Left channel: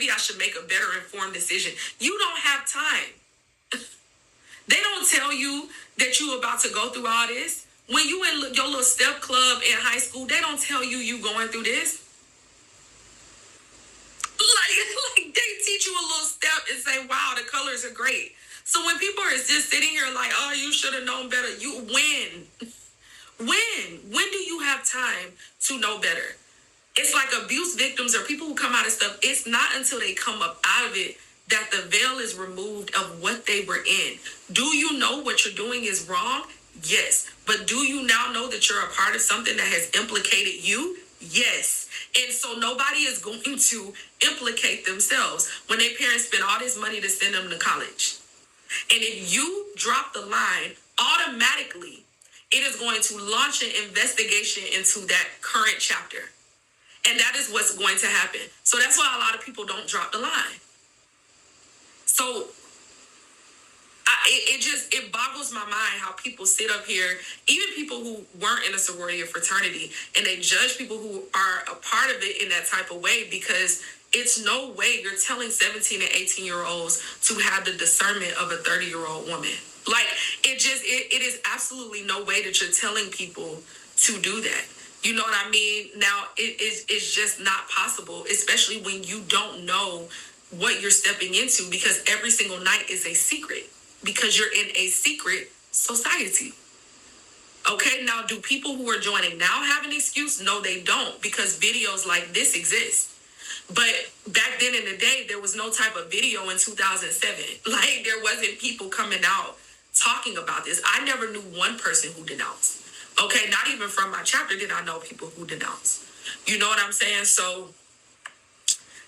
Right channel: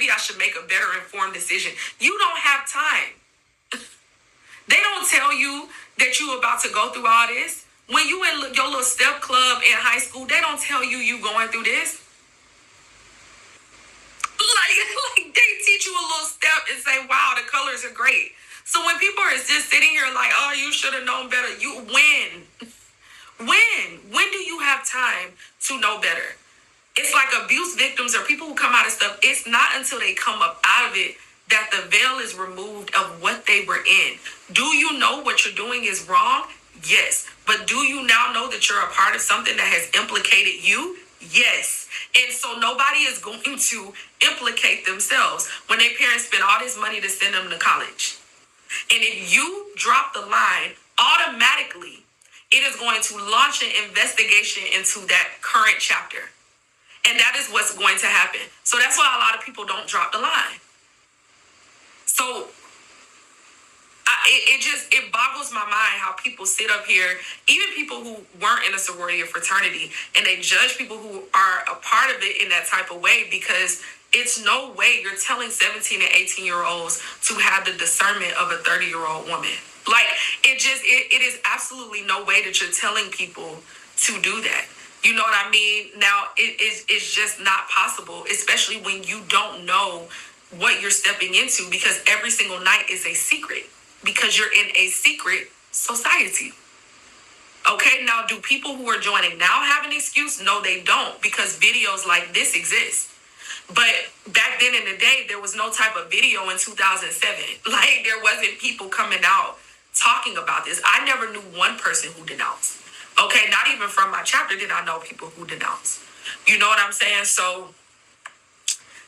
maybe I should make a better informed decision. You don't have time. They don't tell you that you about to go through all this. When you in your little step club in high school, they don't tell you going through this. Like they teach you a little step and say, wow, the colors are great. So when people are just sitting here like, oh, you should have known better, you win. When do you have time to know better? It's like abuse victims or people who come out of stuff. It's not until they come up out of it that the veil is removed of what they were in. Do you know what you're doing is wrong? Yes. But do you now know that you're a part of something that has implicated you? Yes. And so nobody is going to implicate themselves when their parents spend all this money to send them to college. And if you drop the line, automatically, it is going to launch an investigation into that current chapter. And that is what's going to happen. So that's why a lot of people don't drop the line. So it boggles my mind how people sit up here, even people who weren't in a sorority or fraternity, and they judge people who are a part of it in that type of way, because it's no way you're telling 17 and 18-year-olds to have the discernment of a 30-year-old woman. Like, it is absolutely no way that you're telling people to do that. You know what I mean? Now, it's just not possible, especially when you don't know what you're stepping into, because every single night is a secret, because you're in a secret society. Okay, now do people who are joining now have an excuse? No, they don't, because videos like this exist. But back then in the day, there was no type of video in 2007. Like, there wasn't people coming out talking about this. I never knew one person who denounced. Okay, not even from my chapter did I know people who denounce. You know what I'm saying? So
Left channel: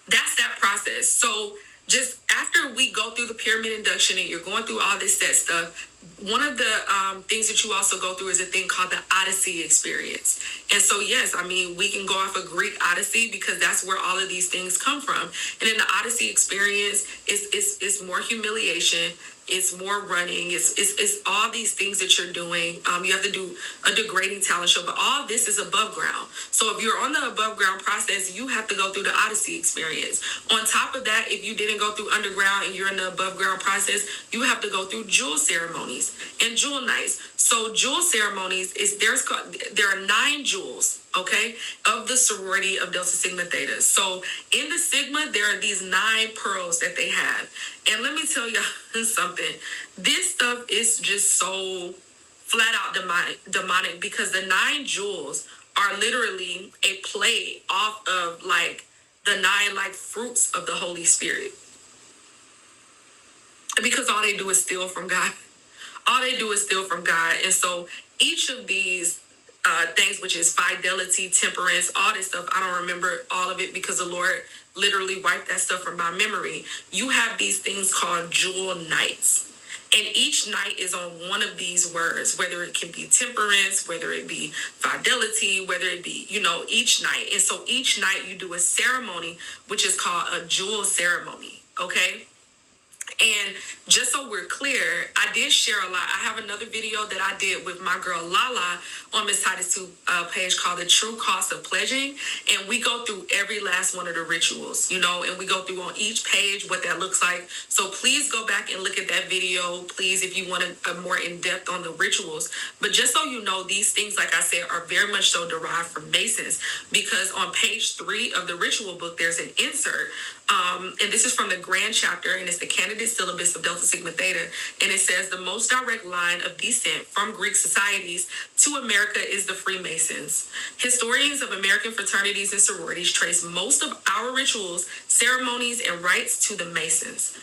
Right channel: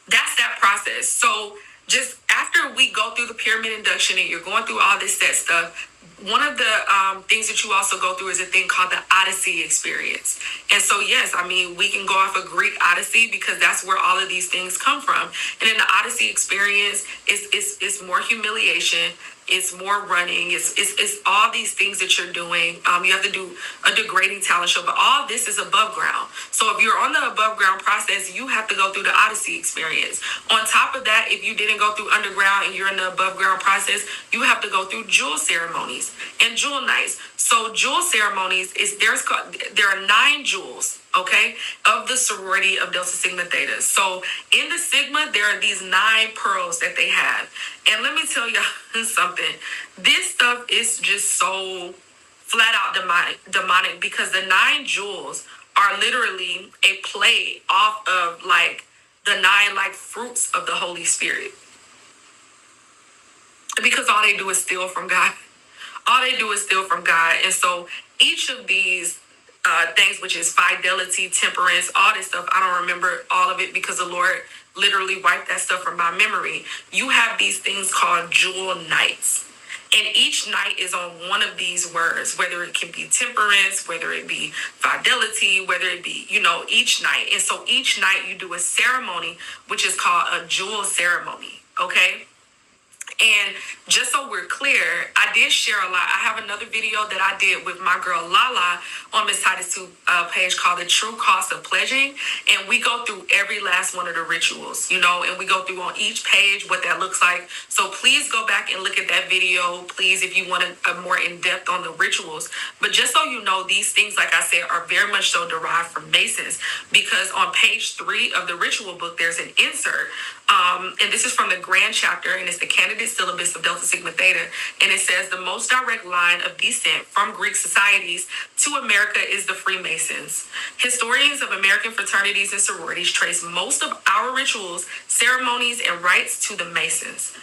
that's that process. So just after we go through the pyramid induction and you're going through all this set stuff, one of the things that you also go through is a thing called the Odyssey experience. And so, yes, I mean, we can go off of Greek Odyssey because that's where all of these things come from. And in the Odyssey experience, it's more humiliation. It's more running. It's all these things that you're doing. You have to do a degrading talent show, but all this is above ground. So if you're on the above ground process, you have to go through the Odyssey experience. On top of that, if you didn't go through underground and you're in the above ground process, you have to go through jewel ceremonies and jewel nights. So jewel ceremonies there are 9 jewels, okay, of the sorority of Delta Sigma Theta. So in the Sigma, there are these 9 pearls that they have. And let me tell y'all something. This stuff is just so flat out demonic because the 9 jewels are literally a play off of like the 9 like fruits of the Holy Spirit. Because all they do is steal from God. All they do is steal from God. And so each of these things, which is fidelity, temperance, all this stuff, I don't remember all of it because the Lord literally wiped that stuff from my memory. You have these things called jewel nights. And each night is on one of these words, whether it can be temperance, whether it be fidelity, whether it be, each night. And so each night you do a ceremony, which is called a jewel ceremony, okay? And just so we're clear, I did share a lot. I have another video that I did with my girl Lala on Miss Titus 2 page called The True Cost of Pledging. And we go through every last one of the rituals, and we go through on each page what that looks like. So please go back and look at that video, please, if you want a more in-depth on the rituals. But just so you know, these things, like I said, are very much so derived from Masons, because on page 3 of the ritual book, there's an insert. And this is from the grand chapter, and it's the candidate syllabus of Delta Sigma Theta. And it says the most direct line of descent from Greek societies to America is the Freemasons. Historians of American fraternities and sororities trace most of our rituals, ceremonies, and rites to the Masons.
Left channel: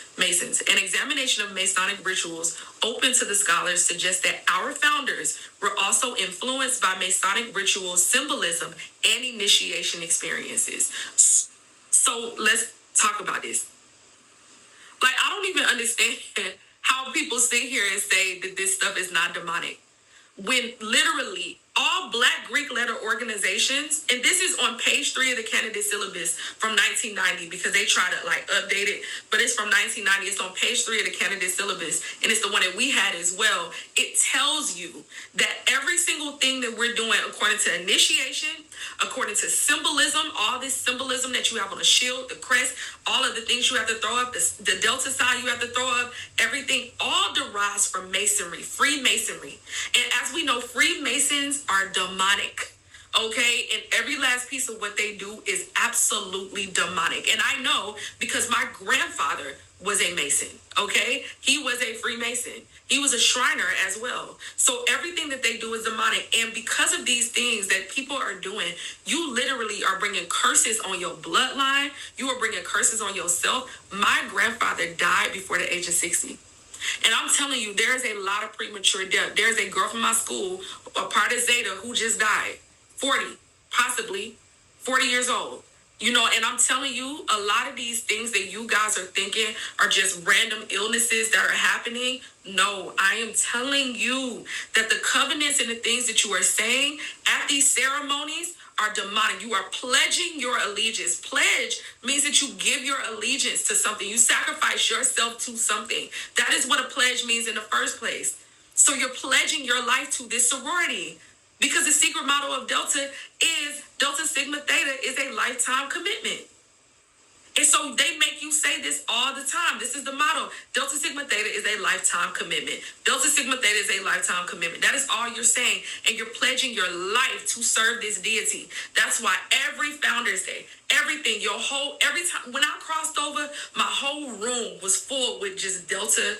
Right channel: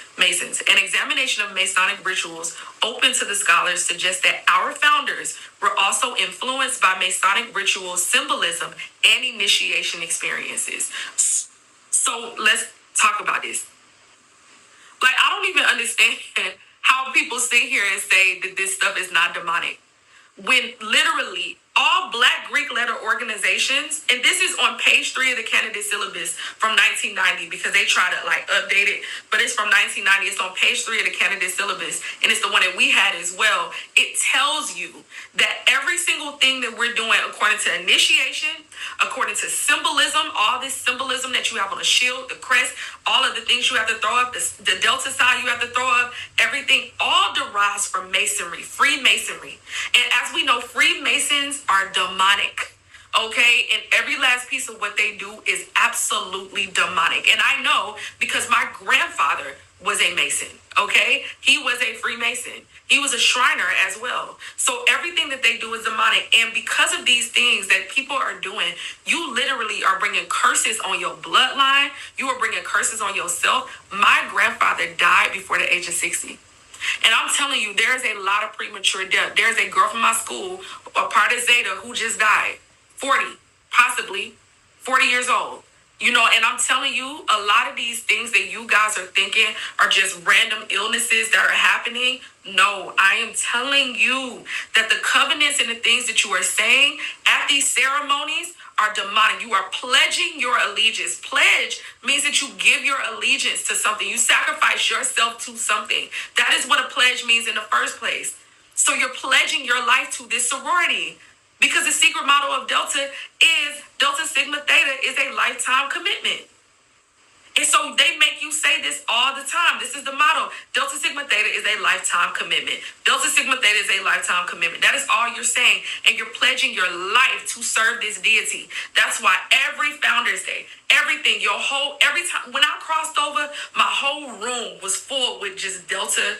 An examination of Masonic rituals open to the scholars suggests that our founders were also influenced by Masonic ritual symbolism and initiation experiences. So let's talk about this. Like, I don't even understand how people sit here and say that this stuff is not demonic, when literally all Black Greek letter organizations, and this is on page 3 of the candidate syllabus from 1990 because they try to like update it, but it's from 1990. It's on page 3 of the candidate syllabus, and it's the one that we had as well. It tells you that every single thing that we're doing according to initiation, according to symbolism, all this symbolism that you have on the shield, the crest, all of the things you have to throw up, the delta sign you have to throw up, everything all derives from Masonry, Freemasonry. And as we know, Freemasons are demonic. Okay, and every last piece of what they do is absolutely demonic. And I know because my grandfather was a Mason. Okay, he was a Freemason. He was a Shriner as well. So everything that they do is demonic. And because of these things that people are doing, you literally are bringing curses on your bloodline. You are bringing curses on yourself. My grandfather died before the age of 60. And I'm telling you, there's a lot of premature death. There's a girl from my school, a part of Zeta, who just died. 40, possibly 40 years old. You know, and I'm telling you, a lot of these things that you guys are thinking are just random illnesses that are happening. No, I am telling you that the covenants and the things that you are saying at these ceremonies are demonic. You are pledging your allegiance. Pledge means that you give your allegiance to something. You sacrifice yourself to something. That is what a pledge means in the first place. So you're pledging your life to this sorority. Because the secret motto of Delta Sigma Theta is a lifetime commitment. And so they make you say this all the time. This is the motto. Delta Sigma Theta is a lifetime commitment. Delta Sigma Theta is a lifetime commitment. That is all you're saying. And you're pledging your life to serve this deity. That's why every Founders Day, everything, every time, when I crossed over, my whole room was full with just Delta